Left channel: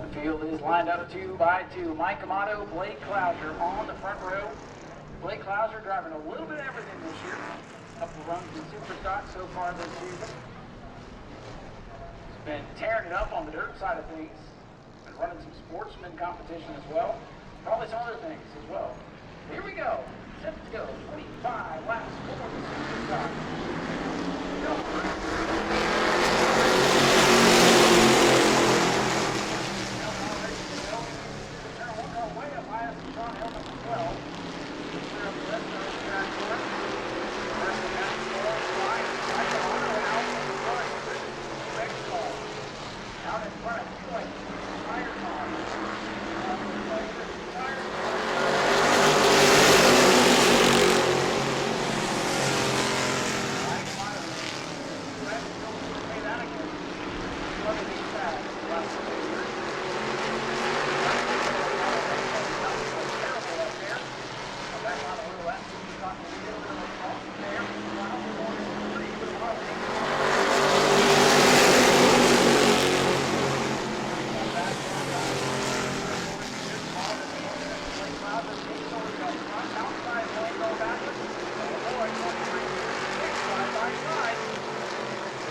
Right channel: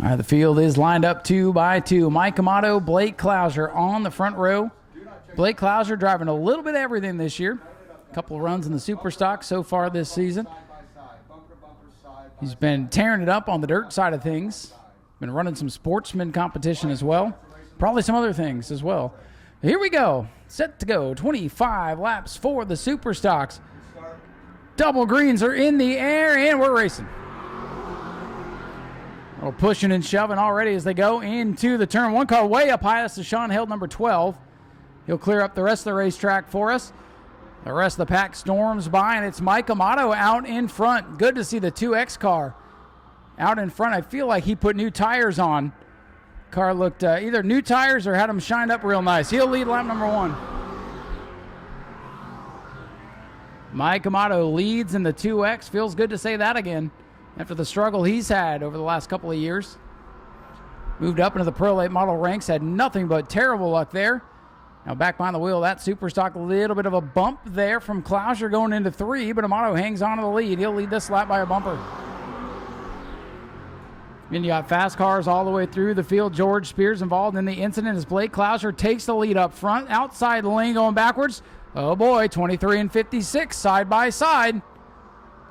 All right, the field is lined up 2 by 2. Mike Amato, Blake Clouser on the front row. Blake Clouser driving a little bit of everything this year. A couple runs in the super stock so far this season. He's been tearing it up on the dirt side of things. Been running some sportsman competition as well. Probably some other things as well. Here we go. Set to go. 25 laps for the super stocks. Double greens are in the air, and we're racing. Well, pushing and shoving already as they go into the turn. One car way up high. This is Sean Hill, number 12. He'll clear up the rest of the racetrack for us. The rest of the pack storms by, and it's Mike Amato out in front. Good to see the 2X car out in front. I feel like he put new tires on. Car looked either new tires or had them shine up real nice. He'll lead lap number 1. Mike Amato leads in the 2X. Feels good to say that again after the struggle he's had over the last couple of years. Moved up into the Pro Late model ranks, had nothing but terrible luck there. Back behind the wheel, that super stock, a little bit of a bump there from Clouser going into 3, but Amato hangs on to the lead. Really this lap by Amato. Then you got fast cars all the way through the field. George Spears involved in the incident as Blake Clouser takes the lead up front. Outside lane going backwards. Oh boy, 23 and 56 side by side.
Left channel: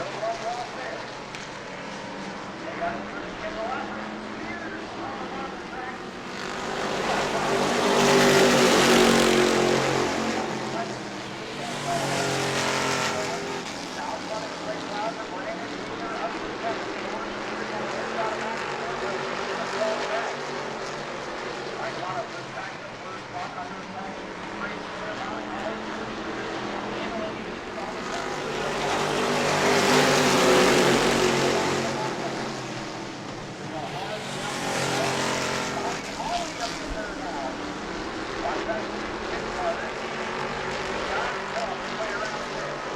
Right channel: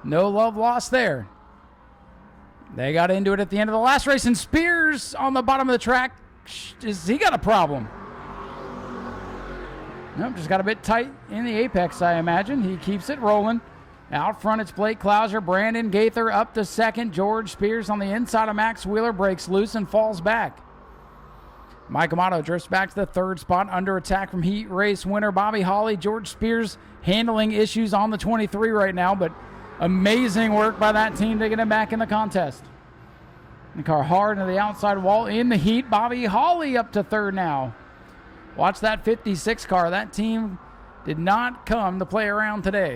No love lost there. They got into it at the end of the last race, and Spears on the bottom of the track. He got a problem. He's got a bit tight in the apex, I imagine. He keeps it rolling. Out front, it's Blake Clouser. Brandon Gaither up to second. George Spears on the inside of Max Wheeler breaks loose and falls back. Mike Amato drifts back to the 3rd spot under attack from heat race winner Bobby Holly. George Spears handling issues on the 23 right now, but amazing work by that team to get him back in the contest. And car hard to the outside wall in the heat. Bobby Holly up to 3rd now. Watch that 56 car. That team did not come to play around today.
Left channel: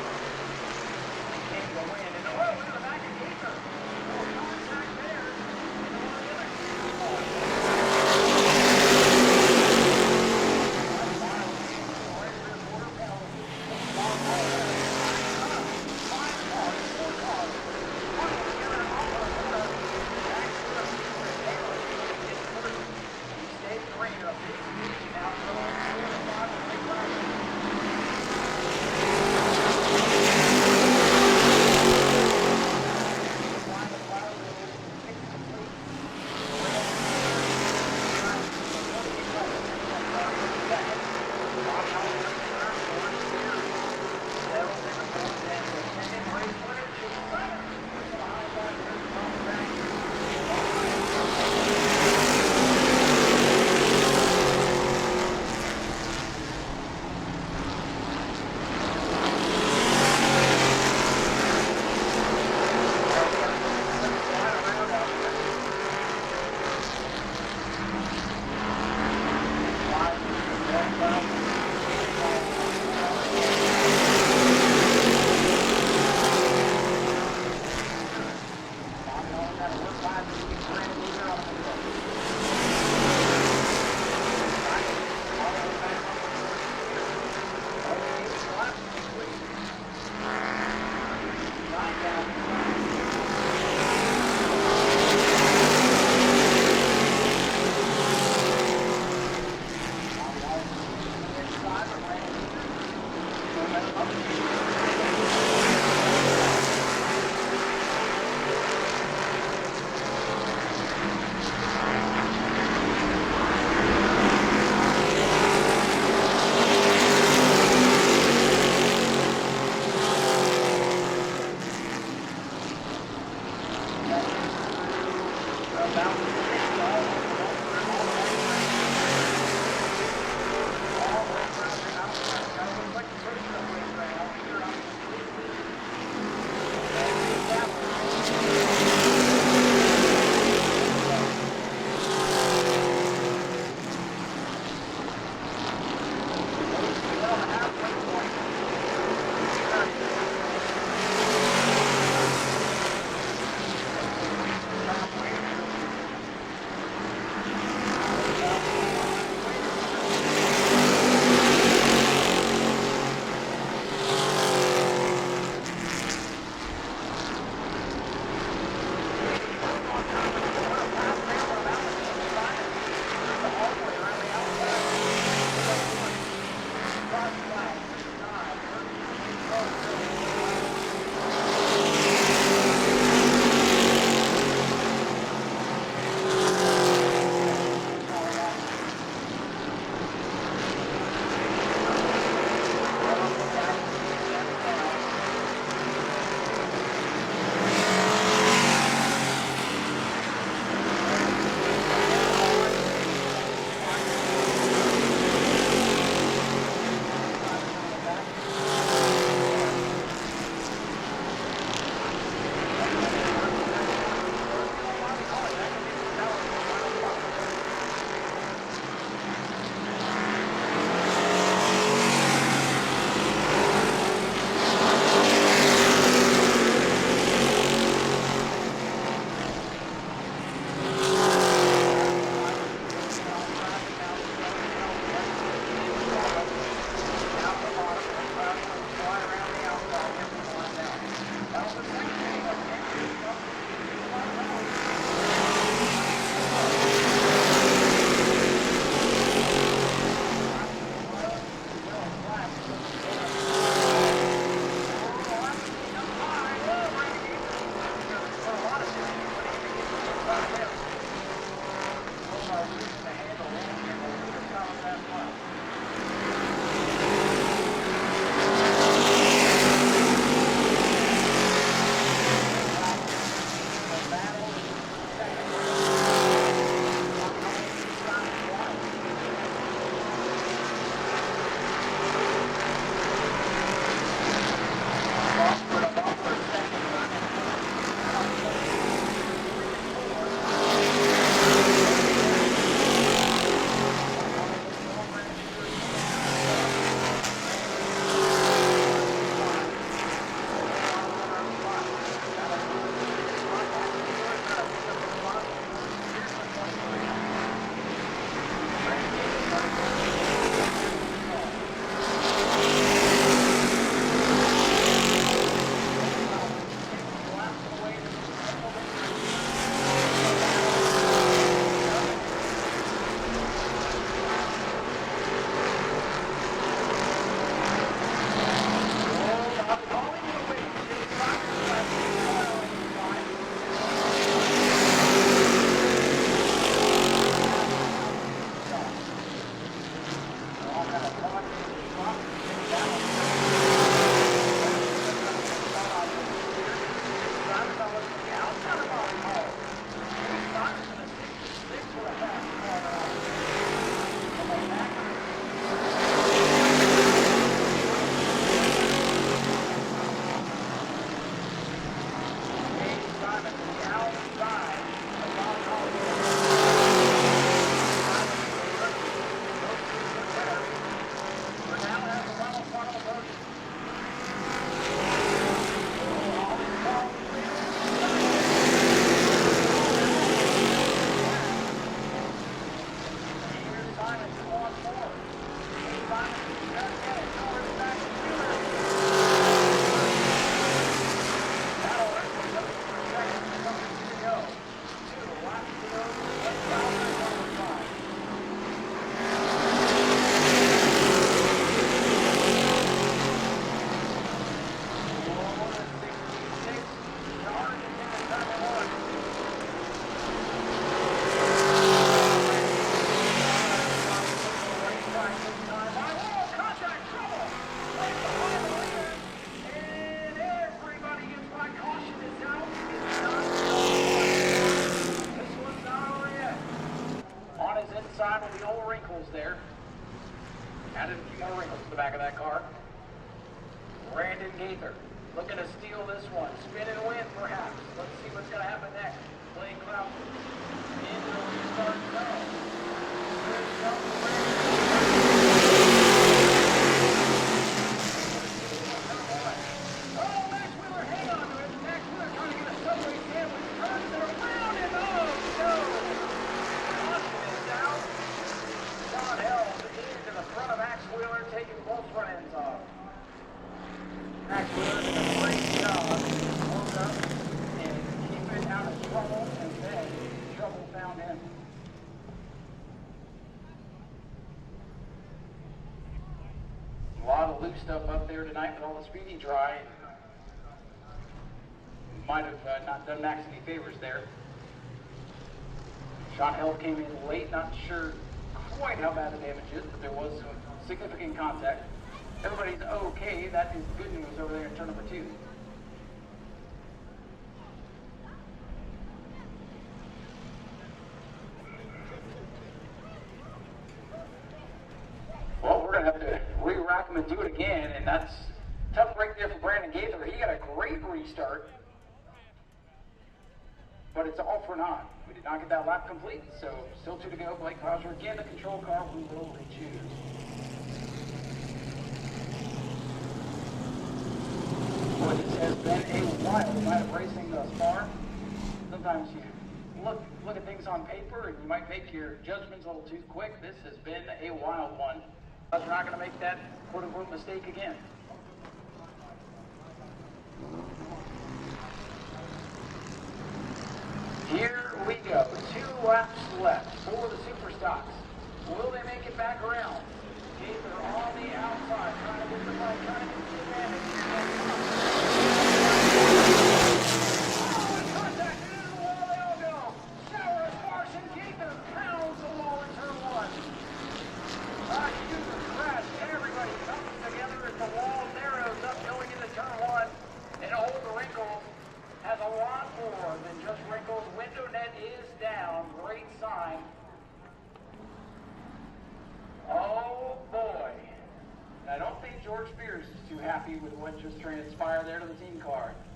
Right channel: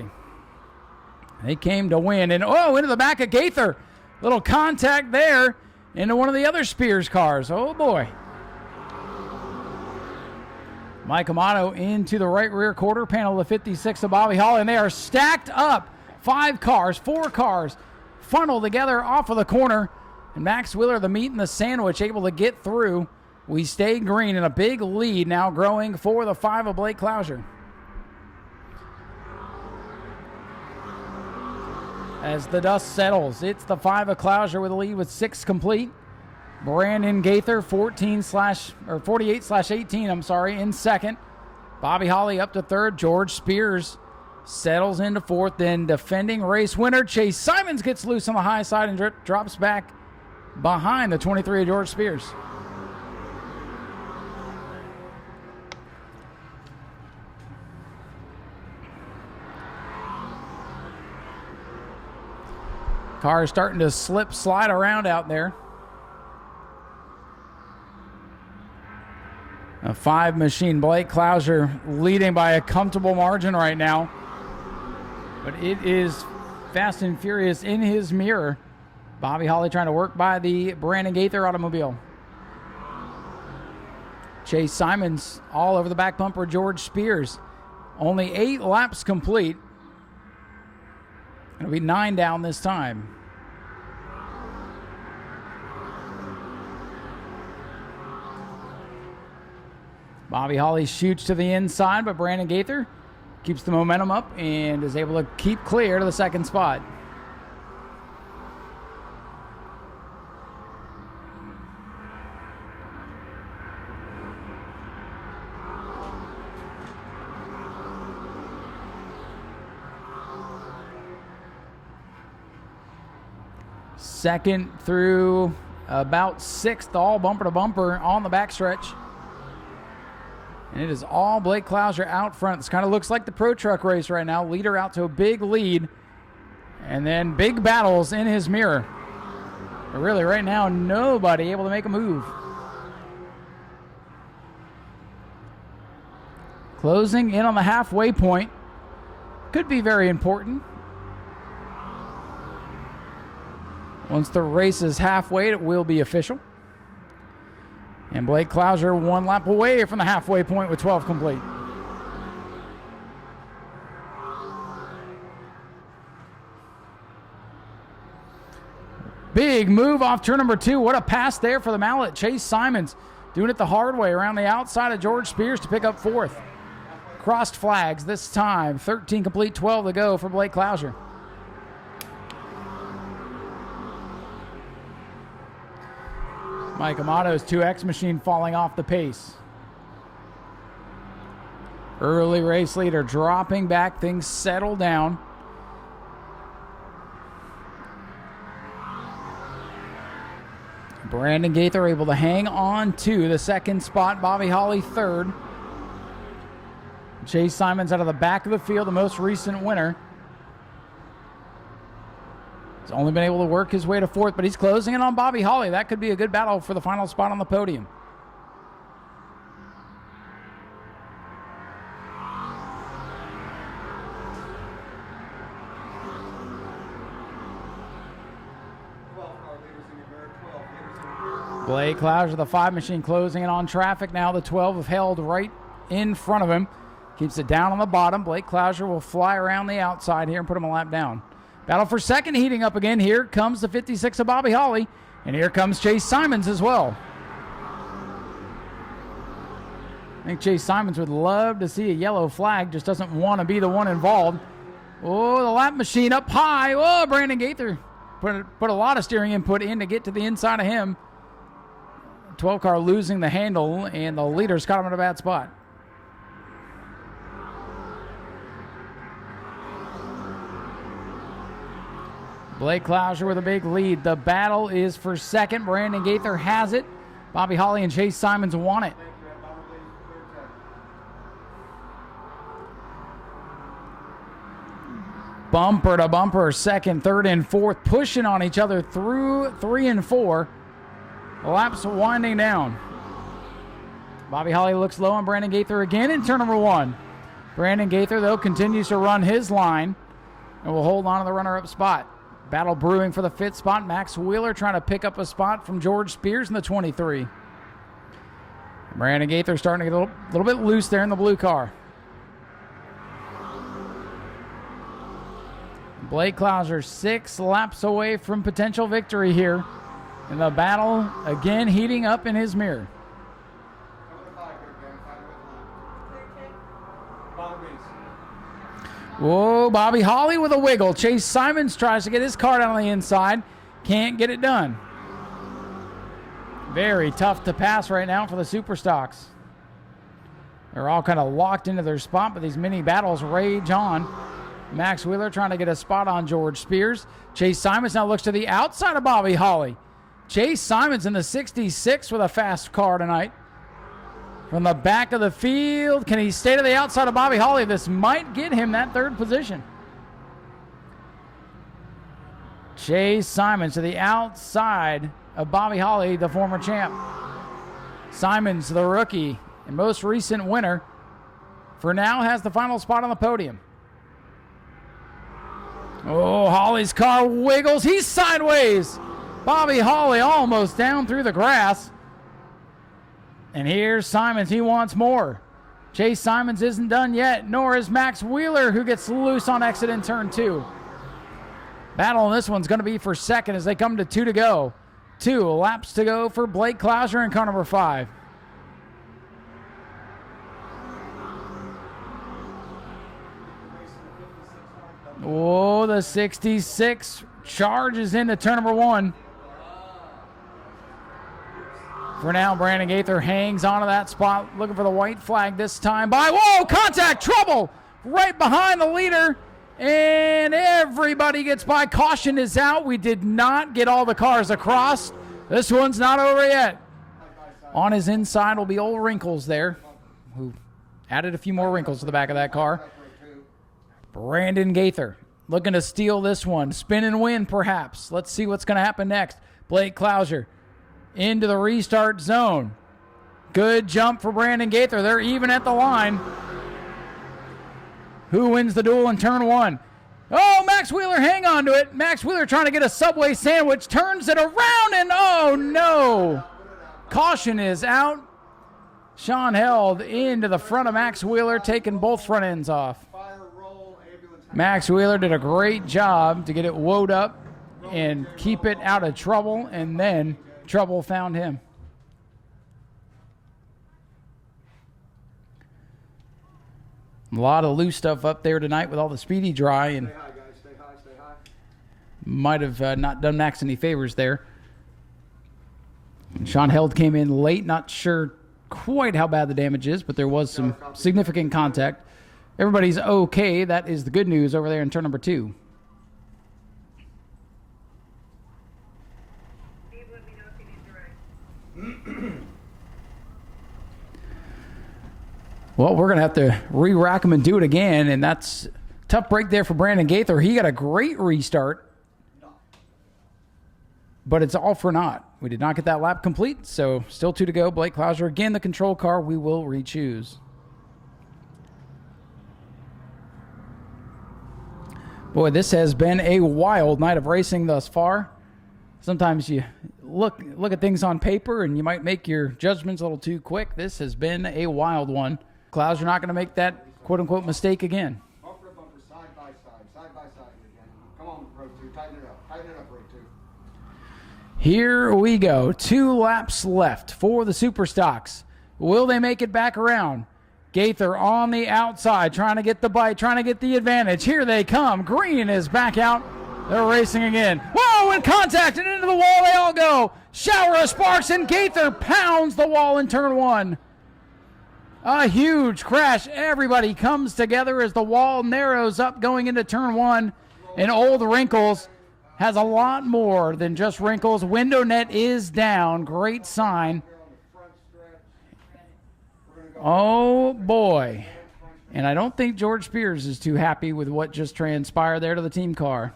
They came to win. And oh, into the back of Gaither. Little contact there into one of the other Spears cars. Oh boy. Mike Amato into the right rear quarter panel of the 56 of Bobby Holly. And they are stacked up. 4 cars funneled together off of the corner. Max Wheeler, the meat and the sandwich, able to get through. We stay green in a big lead now growing for the 5 of Blake Clouser. As the dust settles, it's the 5 of Clouser with a lead with 6 complete. Brandon Gaither, 48/18, in second. Bobby Holly up to 3rd. George Spears settles into 4th. Then defending race winner Chase Simons gets loose on the high side and drops back behind the 23 of George Spears. Car is starting to slide around out there. The 5 machine, Blake Clouser leading by a comfortable margin right now. It is fast and furious in his mirror. Bobby Holly trying to work by the Brandon Gaither automobile. Chase Simons all over the back bumper, George Spears. Only 8 laps complete. It'll be 9 down this time. Bobby Holly shoots to the inside, but Brandon Gaither keeps the momentum up and is able to keep clear to the 2nd spot. Second through about 6th, all bumper to bumper on the backstretch. It is all Blake Clouser out front. This kind of looks like the Pro Truck race right now. Leader out to a big lead. And then big battles in his mirror. Really, right now, nobody able to make a move. Closing in on the halfway point. Could be very important. Once the race is halfway, it will be official. And Blake Clouser 1 lap away from the halfway point with 12 complete. Big move off turn number 2. What a pass there for the mallet. Chase Simons doing it the hard way around the outside of George Spears to pick up 4th. Crossed flags this time. 13 complete, 12 to go for Blake Clouser. Mike Amato's 2X machine falling off the pace. Early race leader dropping back, things settle down. Brandon Gaither able to hang on to the 2nd spot. Bobby Holly 3rd. Chase Simons out of the back of the field, the most recent winner. Only been able to work his way to 4th, but he's closing in on Bobby Holly. That could be a good battle for the final spot on the podium. With the 5 machine closing in on traffic now. The 12 is held right in front of him. Keeps it down on the bottom. Blake Clouser will fly around the outside here and put him a lap down. Battle for 2nd heating up again. Here comes the 56 of Bobby Holly. And here comes Chase Simons as well. I think Chase Simons would love to see a yellow flag. Just doesn't want to be the one involved. Oh, the lap machine up high. Oh, Brandon Gaither put a lot of steering input in to get to the inside of him. 12 car losing the handle, and the leader's caught him in a bad spot. Blake Clouser with a big lead. The battle is for 2nd. Brandon Gaither has it. Bobby Holly and Chase Simons want it. Bumper to bumper, 2nd, 3rd, and 4th, pushing on each other through 3 and 4. Laps winding down. Bobby Holly looks low on Brandon Gaither again in turn number 1. Brandon Gaither, though, continues to run his line and will hold on to the runner-up spot. Battle brewing for the 5th spot. Max Wheeler trying to pick up a spot from George Spears in the 23. Brandon Gaither starting to go a little bit loose there in the blue car. Blake Clouser 6 laps away from potential victory here. And the battle again heating up in his mirrors. Whoa, Bobby Holly with a wiggle. Chase Simons tries to get his car down on the inside. Can't get it done. Very tough to pass right now for the Super Stocks. They're all kind of locked into their spot, but these mini battles rage on. Max Wheeler trying to get a spot on George Spears. Chase Simons now looks to the outside of Bobby Holly. Chase Simons in the 66 with a fast car tonight. From the back of the field, can he stay to the outside of Bobby Holly? This might get him that 3rd position. Chase Simons to the outside of Bobby Holly, the former champ. Simons, the rookie, the most recent winner, for now has the final spot on the podium. Oh, Holly's car wiggles. He's sideways. Bobby Holly almost down through the grass. And here's Simons. He wants more. Chase Simons isn't done yet, nor is Max Wheeler, who gets loose on exit in turn 2. Battle on this one's going to be for 2nd as they come to 2 to go. 2 laps to go for Blake Clouser in car number 5. Oh, the 66 charges into turn number 1. For now, Brandon Gaither hangs onto that spot, looking for the white flag this time by, whoa, contact, trouble, right behind the leader, and everybody gets by. Caution is out. We did not get all the cars across. This one's not over yet. On his inside will be old wrinkles there. Added a few more wrinkles to the back of that car. Brandon Gaither looking to steal this one. Spin and win, perhaps. Let's see what's going to happen next. Blake Clouser into the restart zone. Good jump for Brandon Gaither. They're even at the line. Who wins the duel in turn 1? Oh, Max Wheeler, hang on to it. Max Wheeler trying to get a Subway sandwich, turns it around, and oh no! Caution is out. Sean held into the front of Max Wheeler, taking both front ends off. Max Wheeler did a great job to get it woed up and keep it out of trouble, and then trouble found him. A lot of loose stuff up there tonight with all the speedy dry, and might have not done Max any favors there. Sean Held came in late, not sure quite how bad the damage is, but there was some significant contact. Everybody's okay. That is the good news over there in turn number 2. Well, we're going to have to re-rack him and do it again, and that's a tough break there for Brandon Gaither. He got a great restart, but it's all for naught. We did not get that lap complete, so still 2 to go. Blake Klauser, again, the control car. We will re-choose. Boy, this has been a wild night of racing thus far. Sometimes you look at things on paper and you might make your judgments a little too quick. This has been a wild one. Klauser not going to make that quote-unquote mistake again. Here we go. 2 laps left for the Super Stocks. Will they make it back around? Gaither on the outside, trying to get the bite, trying to get the advantage. Here they come. Green is back out. They're racing again. Whoa, and contact, and into the wall they all go. Shower of sparks, and Gaither pounds the wall in turn 1. A huge crash. Everybody comes together as the wall narrows up going into turn 1. And Old Wrinkles has a lot more than just wrinkles. Window net is down. Great sign. Oh, boy. And I don't think George Spears is too happy with what just transpired there to the team car.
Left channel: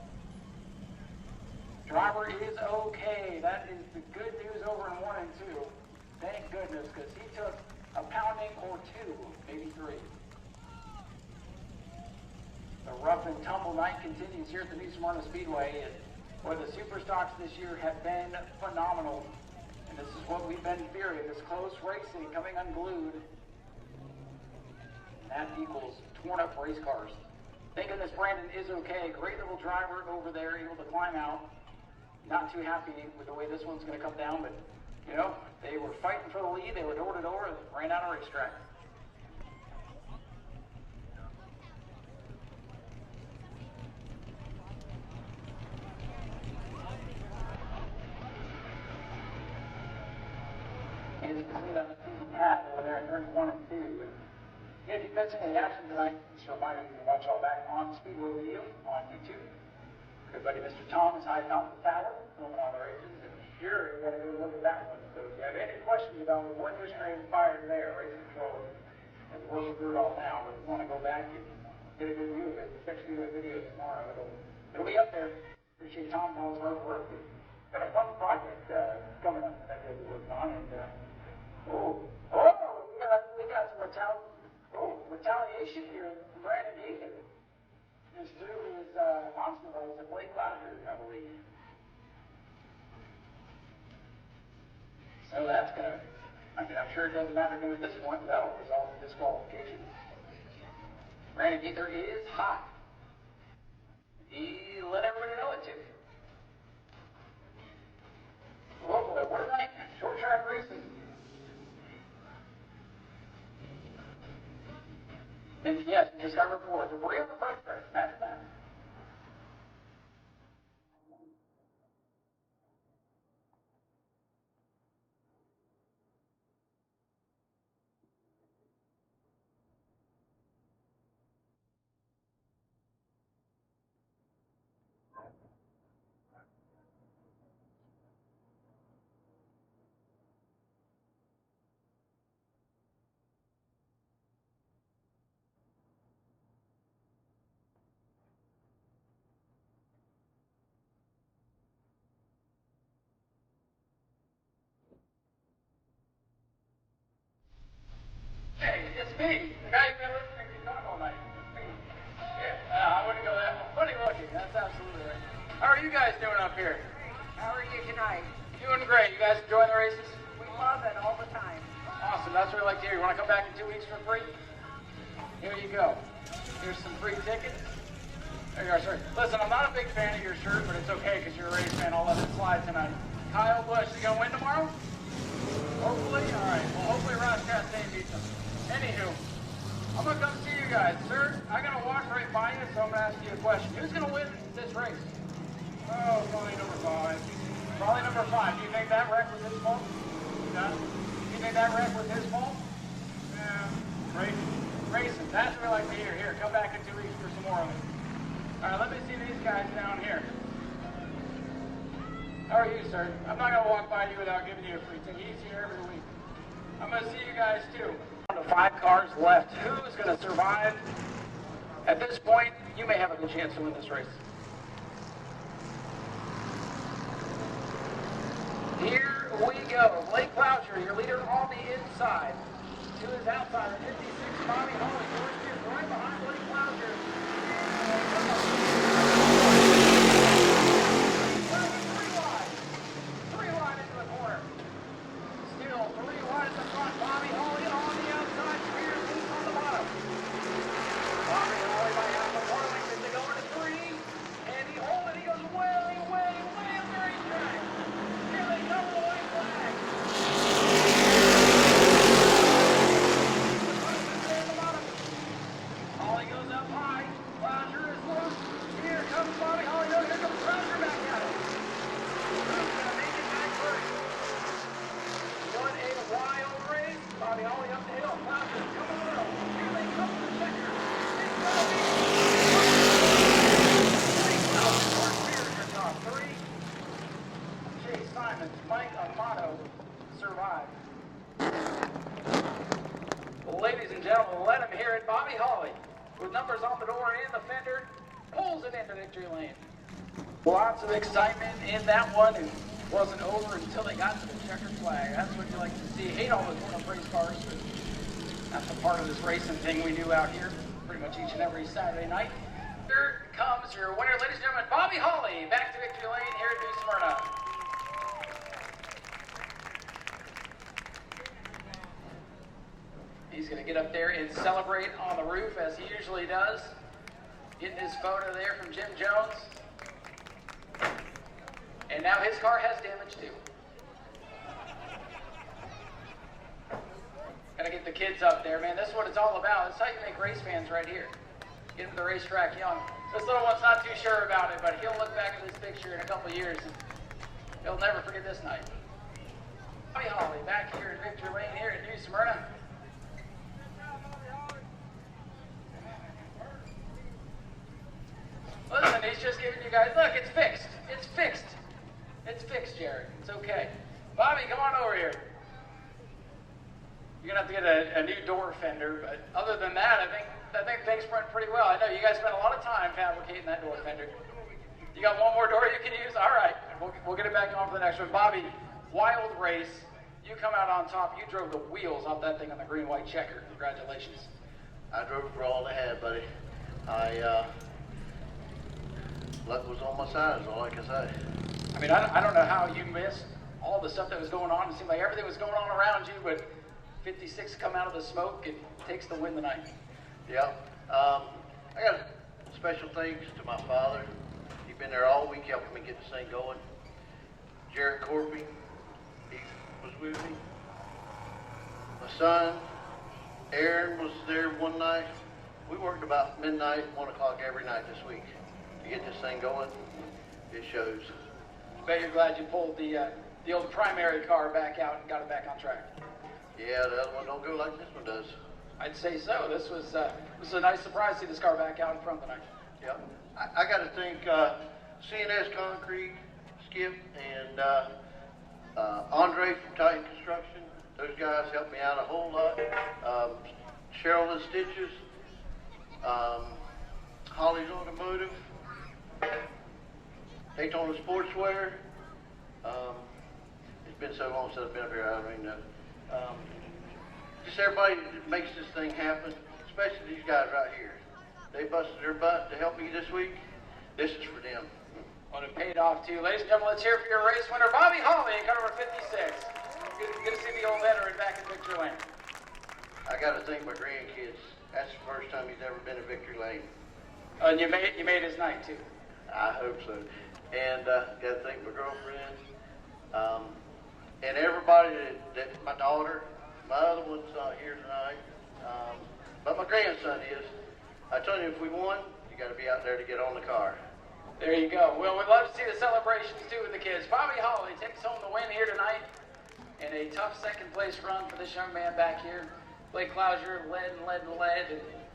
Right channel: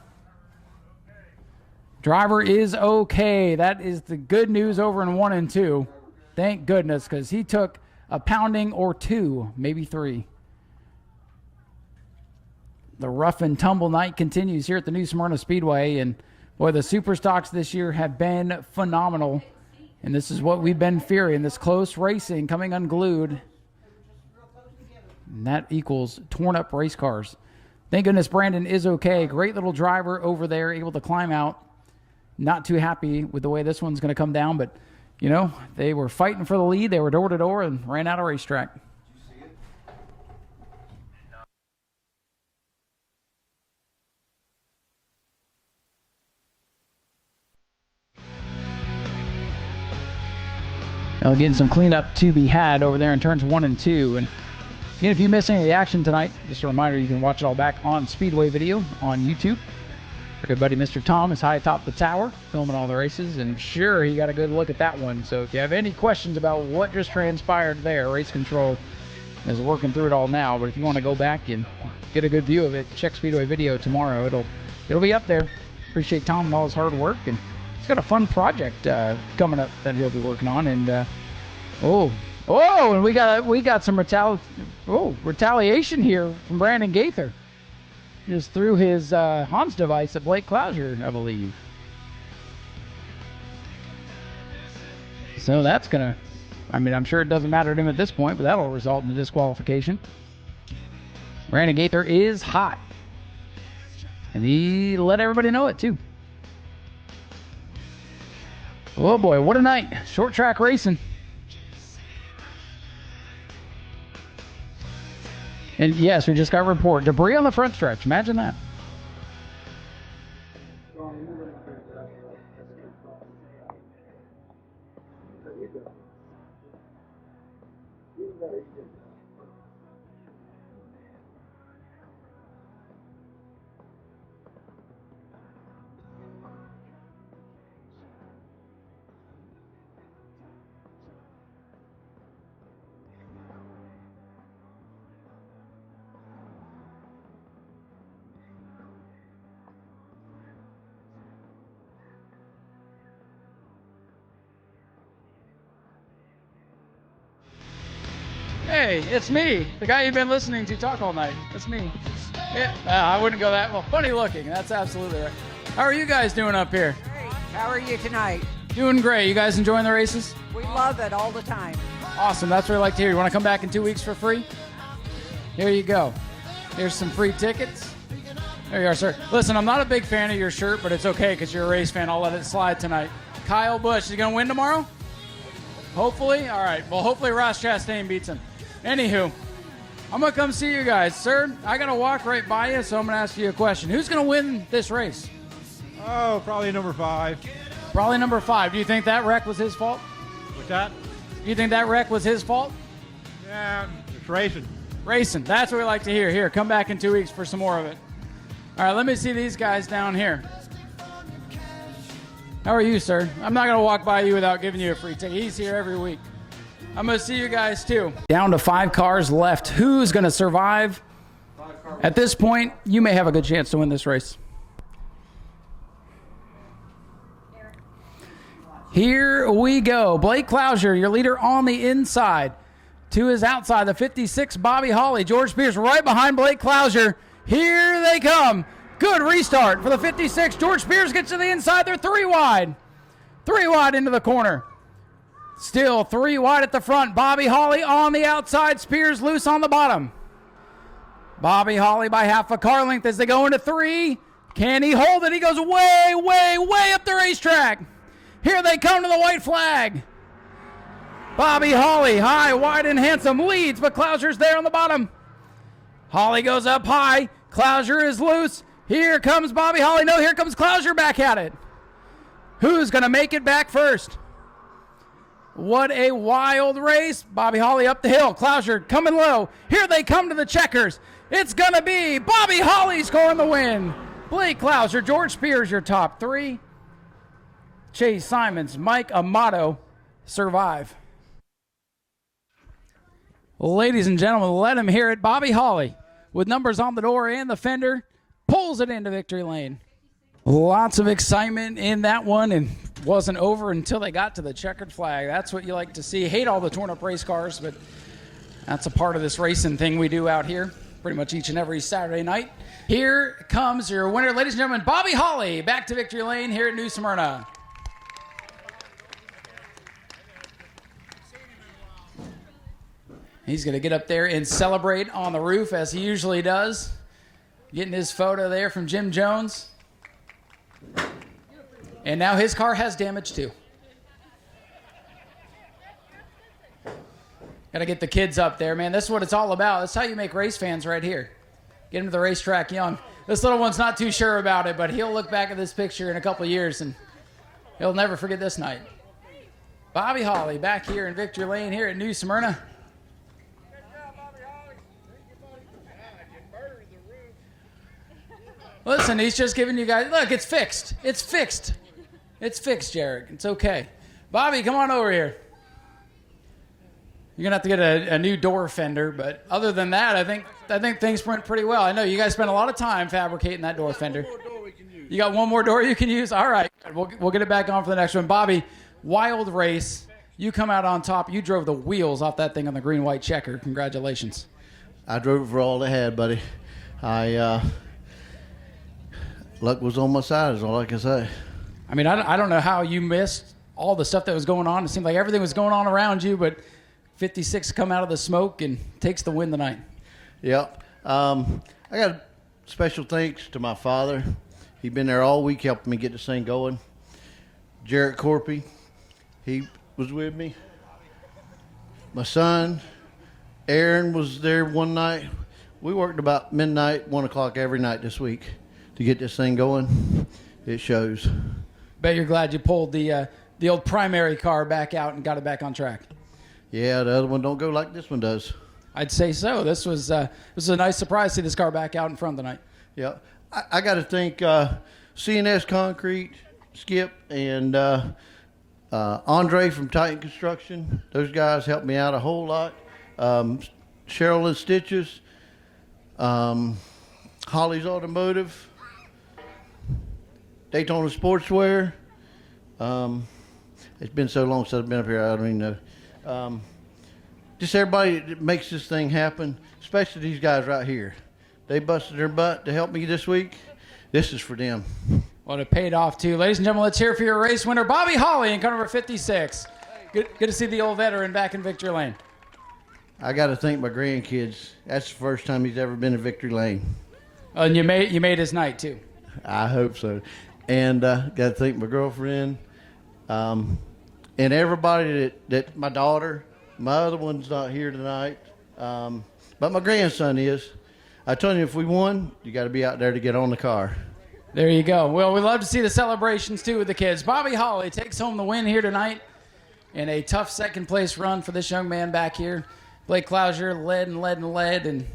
Driver is okay. That is the good news over in 1 and 2. Thank goodness, because he took a pounding or 2, maybe 3. The rough and tumble night continues here at the new Smyrna Speedway, and boy, the Super Stocks this year have been phenomenal, and this is what we've been fearing, this close racing coming unglued, and that equals torn up race cars. Thank goodness Brandon is okay. Great little driver over there, able to climb out. Not too happy with the way this one's going to come down, but you know, they were fighting for the lead. They were door to door and ran out of racetrack. Now again, some cleanup to be had over there in turns 1 and 2. And again, if you missed any of the action tonight, just a reminder, you can watch it all back on Speedway video on YouTube. Our good buddy Mr. Tom is high atop the tower, filming all the races, and sure, he got a good look at that one. So if you have any questions about what just transpired there, Race Control is working through it all now. But if you want to go back and get a good view of it, check Speedway video tomorrow. It'll be up there. Appreciate Tom and all his hard work, and he's got a fun project coming up that he'll be working on. And and we got some retaliation here from Brandon Gaither. Just threw his Hans device at Blake Klauser, I believe. So that's gonna, I mean, I'm sure it doesn't matter to him at this point, but that'll result in a disqualification. Brandon Gaither is hot, and he let everybody know it too. Oh boy, what a night. Short track racing. And yes, we just got a report. Debris on the front stretch. Imagine that. Hey, it's me, the guy you've been listening to talk all night. It's me. I wouldn't go that well. Funny looking. That's absolutely right. How are you guys doing up here? How are you tonight? Doing great. You guys enjoying the races? We love it all the time. Awesome. That's what I like to hear. You want to come back in 2 weeks for free? Here you go. Here's some free tickets. There you are, sir. Listen, I'm not a big fan of your shirt, but it's okay because you're a race fan. I'll let it slide tonight. Kyle Busch, is he going to win tomorrow? Hopefully? All right. Well, hopefully Ross Chastain beats him. Anywho, I'm going to come see you guys. Sir, I got to walk right by you, so I'm going to ask you a question. Who's going to win this race? Oh, probably number 5. Probably number 5. Do you think that wreck was his fault? That? You think that wreck was his fault? Racing. Racing. That's what we like to hear. Here, come back in 2 weeks for some more of it. All right, let me see these guys down here. How are you, sir? I'm not going to walk by you without giving you a free ticket. He's here every week. I'm going to see you guys, too. Down to 5 cars left. Who's going to survive? At this point, you may have a good chance to win this race. Here we go. Blake Clouser, your leader on the inside. To his outside, the 56, Bobby Hawley. George Spears right behind Blake Clouser. Here they come. Good restart for the 56. George Spears gets to the inside. They're 3 wide. 3 wide into the corner. Still 3 wide at the front. Bobby Hawley on the outside. Spears loose on the bottom. Bobby Hawley by half a car length as they go into 3. Can he hold it? He goes way, way, way up the racetrack. Here they come to the white flag. Bobby Hawley, high, wide, and handsome, leads, but Clouser's there on the bottom. Hawley goes up high. Clouser is loose. Here comes Bobby Hawley. No, here comes Clouser back at it. Who's going to make it back first? What a wild race. Bobby Hawley up the hill. Clouser coming low. Here they come to the checkers. It's going to be Bobby Hawley scoring the win. Blake Clouser, George Spears, your top 3. Chase Simons, Mike Amato survive. Ladies and gentlemen, let him hear it. Bobby Hawley, with numbers on the door and the fender, pulls it into victory lane. Lots of excitement in that one, and wasn't over until they got to the checkered flag. That's what you like to see. Hate all the torn up race cars, but that's a part of this racing thing we do out here pretty much each and every Saturday night. Here comes your winner, ladies and gentlemen, Bobby Hawley, back to victory lane here at New Smyrna. He's going to get up there and celebrate on the roof as he usually does. Getting his photo there from Jim Jones. And now his car has damage too. Got to get the kids up there, man. This is what it's all about. That's how you make race fans right here. Get them to the racetrack young. This little one's not too sure about it, but he'll look back at this picture in a couple of years and he'll never forget this night. Bobby Hawley back here in victory lane here at New Smyrna. Listen, he's just giving you guys, look, it's fixed. It's fixed. It's fixed, Jared. It's okay. Bobby, come on over here. You're going to have to get a new door fender, but other than that, I think things went pretty well. I know you guys spent a lot of time fabricating that door fender. You got one more door you can use? All right. We'll get it back on for the next one. Bobby, wild race. You come out on top. You drove the wheels off that thing on the green-white checker. Congratulations. I drove it for all they had, buddy. Luck was on my side is all I can say. I mean, I don't know how you missed all the stuff that was going on. It seemed like everything was going on around you, but 56 come out of the smoke and takes the win tonight. Yep. I got special thanks to my father. He's been there all week helping me get this thing going. Jarrett Corpy, he was with me. My son, Aaron, was there one night. We worked about midnight, 1 o'clock every night this week to get this thing going. It shows. Bet you're glad you pulled the old primary car back out and got it back on track. Yeah, the other one don't go like this one does. I'd say so. This was a nice surprise to see this car back out in front tonight. Yeah, I got to thank CNS Concrete, Skip, and Andre from Titan Construction. Those guys helped me out a whole lot. Cheryl and Stitches, Holly's Automotive, Daytona Sportswear. It's been so long since I've been up here, I don't even know. Just everybody that makes this thing happen, especially these guys right here. They busted their butt to help me this week. This is for them. Well, it paid off too. Ladies and gentlemen, let's hear it for your race winner, Bobby Hawley in car number 56. Good to see the old veteran back in victory lane. I got to thank my grandkids. That's the first time he's ever been in victory lane. And you made his night too. I hope so. And got to thank my girlfriend, and everybody that my daughter. My other one's not here tonight, but my grandson is. I told him if we won, you got to be out there to get on the car. There you go. Well, we love to see the celebrations too with the kids. Bobby Holly takes home the win here tonight in a tough second place run for this young man back here. Blake Clouser led, and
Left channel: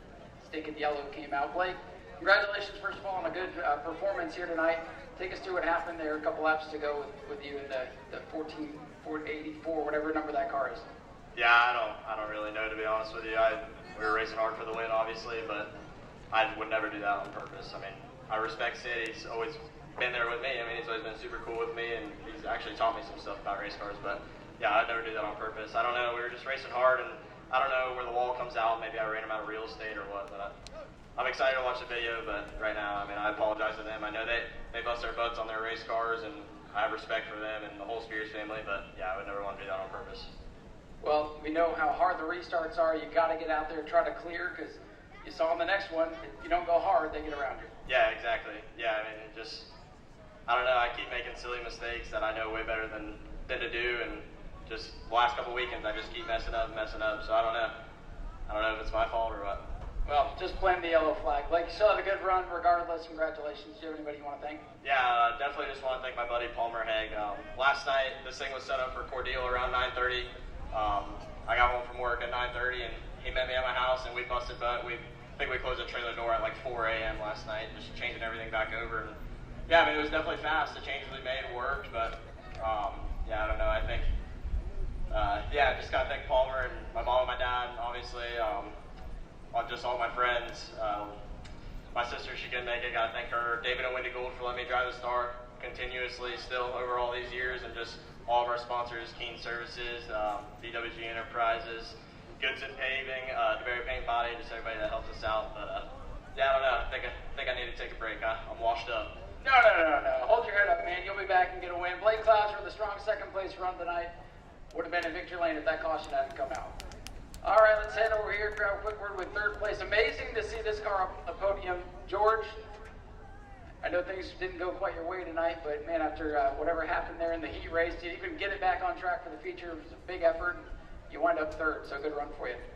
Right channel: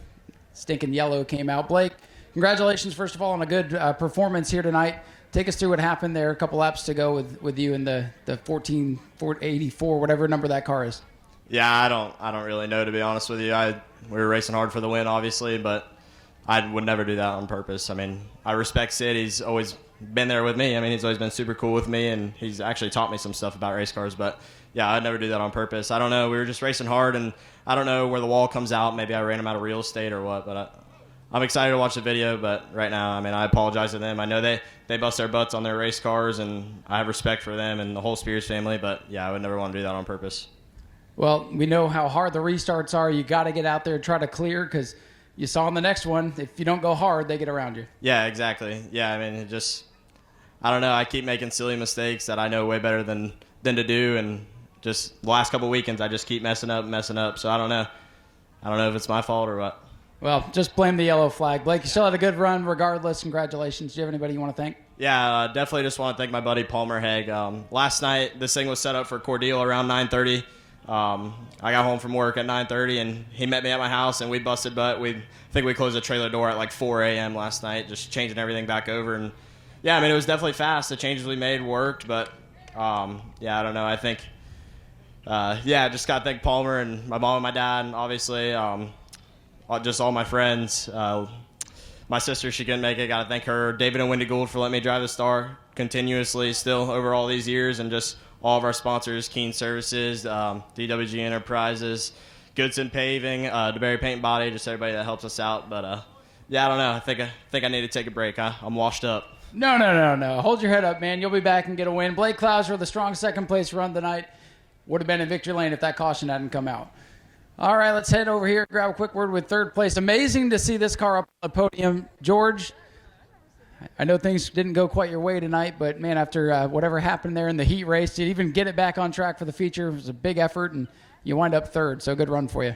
stinking yellow came out. Blake, congratulations first of all on a good performance here tonight. Take us through what happened there. A couple laps to go with you in the 1484, whatever number that car is. Yeah, I don't really know, to be honest with you. We were racing hard for the win, obviously, but I would never do that on purpose. I mean, I respect Sid. He's always been there with me. I mean, he's always been super cool with me, and he's actually taught me some stuff about race cars. But yeah, I'd never do that on purpose. I don't know. We were just racing hard, and I don't know where the wall comes out. Maybe I ran him out of real estate or what, but I'm excited to watch the video. But right now, I mean, I apologize to them. I know they bust their butts on their race cars, and I have respect for them and the whole Spears family. But yeah, I would never want to do that on purpose. Well, we know how hard the restarts are. You got to get out there and try to clear, because you saw in the next one, if you don't go hard, they get around you. Yeah, exactly. Yeah, I mean, it's just, I don't know. I keep making silly mistakes that I know way better than to do, and just the last couple weekends I just keep messing up. So I don't know. I don't know if it's my fault or what. Well, just blame the yellow flag. Blake, you still had a good run regardless. Congratulations. Do you have anybody you want to thank? Yeah, definitely just want to thank my buddy Palmer Haig. Last night, this thing was set up for Cordeal around 9:30. I got home from work at 9:30, and he met me at my house, and we busted butt. I think we closed the trailer door at like 4 a.m. last night, just changing everything back over. And yeah, I mean, it was definitely fast. The changes we made worked, but yeah, I don't know. I think, just got to thank Palmer and my mom and my dad, and obviously just all my friends. My sister, she couldn't make it. Got to thank her. David and Wendy Gould for letting me drive the Star continuously still over all these years, and just all of our sponsors, Keen Services, BWG Enterprises, Goodson Paving, DeBerry Paint and Body, just everybody that helps us out. But yeah, I don't know. I think I need to take a break. I'm washed up. No. Hold your head up, man. You'll be back and get a win. Blake Clouser, the strong second place run tonight, would have been in victory lane if that caution hadn't come out. All right, let's head over here, grab a quick word with third place. Amazing to see this car up a podium. George, I know things didn't go quite your way tonight, but man, after whatever happened there in the heat race, to even get it back on track for the feature was a big effort, and you wind up third, so good run for you.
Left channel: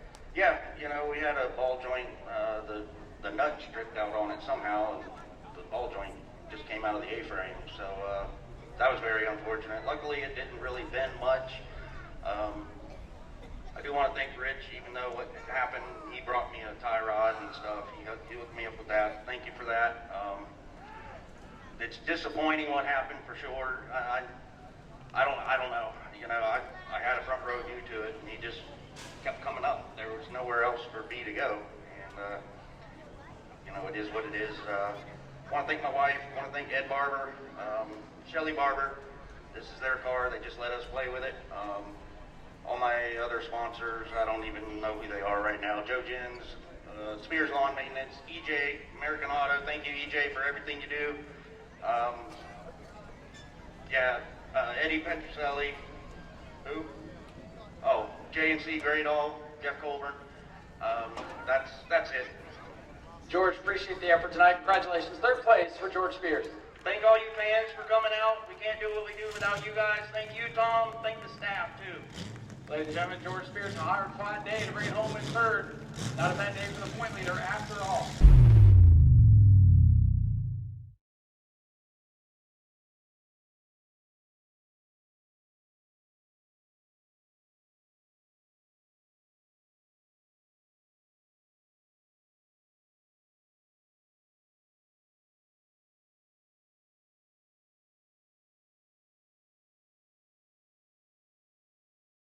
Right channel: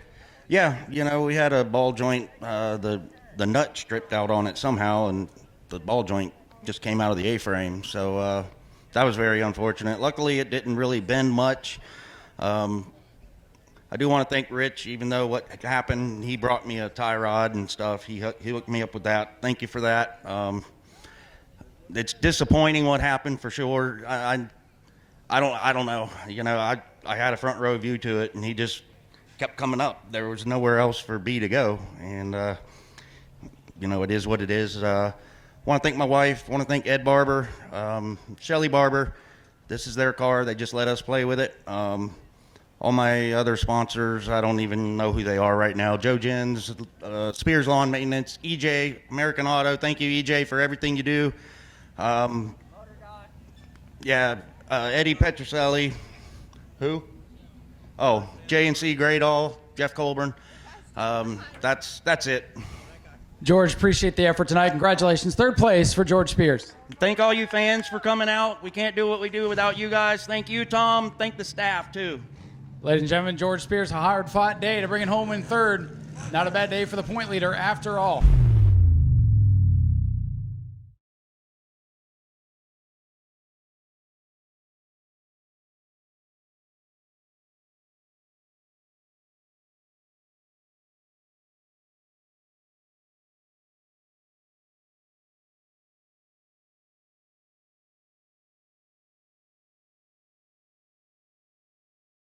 Yeah, we had a ball joint, the nut stripped out on it somehow, and the ball joint just came out of the A-frame, so that was very unfortunate. Luckily, it didn't really bend much. I do want to thank Rich, even though what happened, he brought me a tie rod and stuff. He hooked me up with that. Thank you for that. It's disappointing what happened for sure. I don't know. I had a front row view to it, and he just kept coming up. There was nowhere else for B to go, and it is what it is. I want to thank my wife. Want to thank Ed Barber, Shelly Barber. This is their car. They just let us play with it. All my other sponsors, I don't even know who they are right now. Joe Jens, Spears Lawn Maintenance, EJ, American Auto. Thank you, EJ, for everything you do. Eddie Petroselli. Who? Oh, J&C Gradall, Jeff Colburn. That's it. George, appreciate the effort tonight. Congratulations. Third place for George Spears. Thank all you fans for coming out. We can't do what we do without you guys. Thank you, Tom. Thank the staff, too. Ladies and gentlemen, George Spears, a hard-fought day to bring it home in third. Not a bad day for the point leader after all.